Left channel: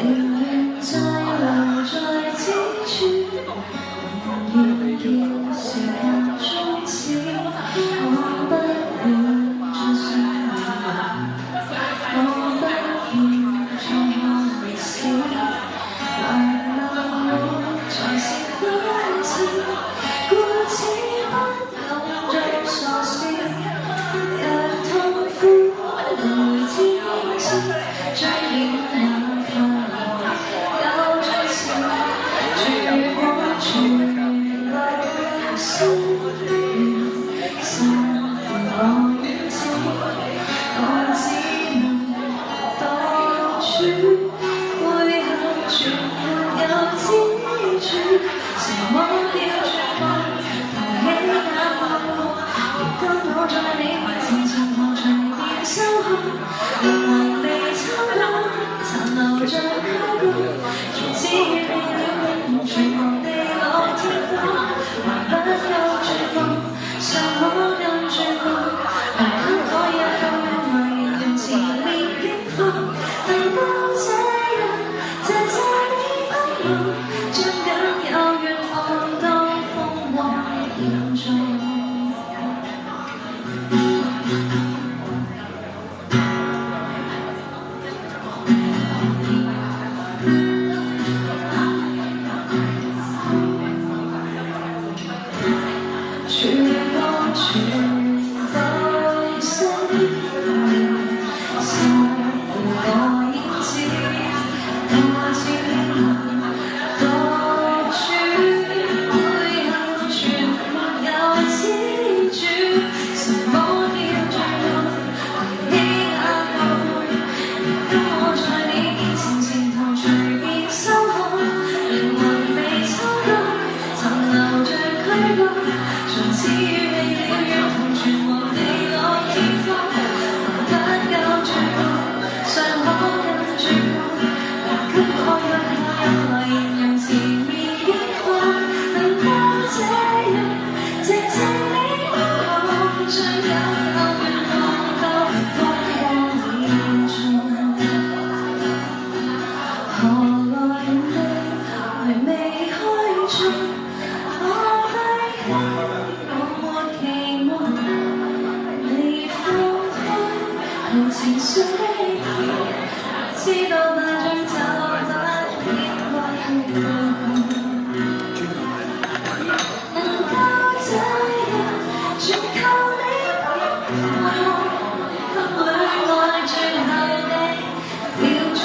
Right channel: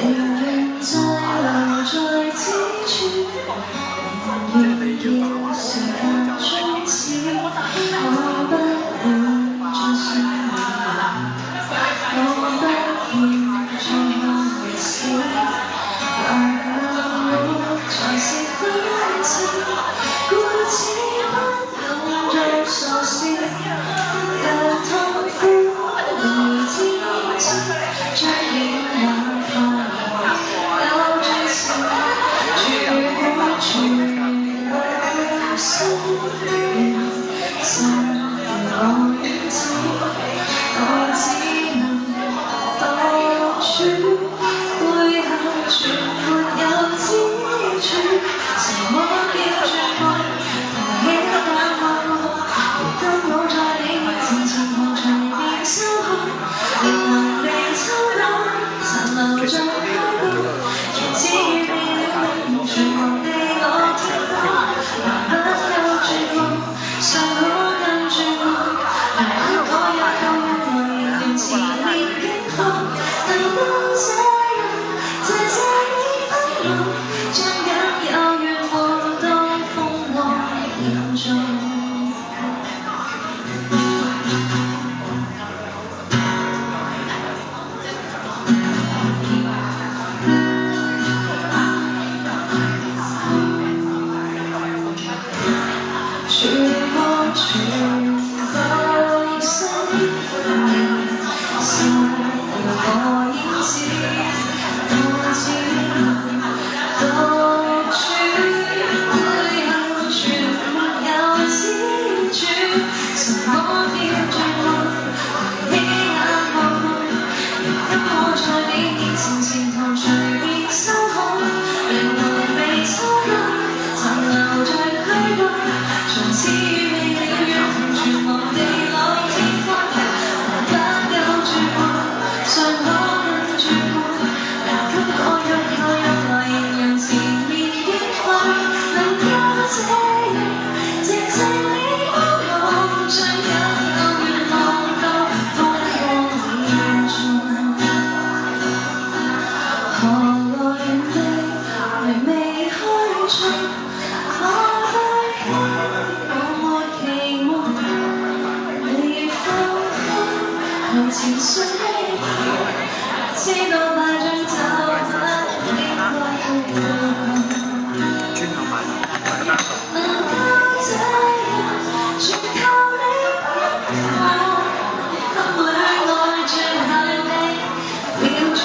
寧願再留在此處，寧願見時間終止，我不會再想你，我不願再看歷史，還留我才是分岔，故此不敢再傻笑，有痛苦來自身，最遠哪怕有最少，絕我全來心亂，心我遠走，我只能獨處，背後全沒有支柱，什麼叫絕望？抬起眼望我，當我在你面前曾何曾變心海，仍能被抽乾，殘留在溪谷，從此與未了全忘地老天荒，還不夠絕望，尚可更絕望，還不可有夠能仍然前面警方，提到這樣，謝謝你包容，將僅有願望當風浪嚴重。穿過全部生命，散了我影子，我只能獨處，背後全沒有支柱，什麼叫絕望？抬起眼望我，跟我在你面前前途隨便修改，靈魂被抽乾，殘留在軀幹。從此與未了緣同全忘地老天荒，還不夠絕望，尚可更絕望，但給我用來形容前面激化，能夠這樣，謝謝你包容，將僅有願望當風光延續。何來未開創？情緒知道那張就不應該能夠這樣全靠你幫我，給戀愛最後的標準。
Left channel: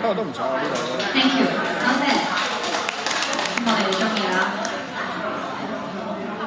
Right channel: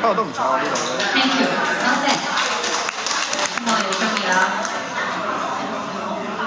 不過都唔錯啊呢度。Thank you，多謝。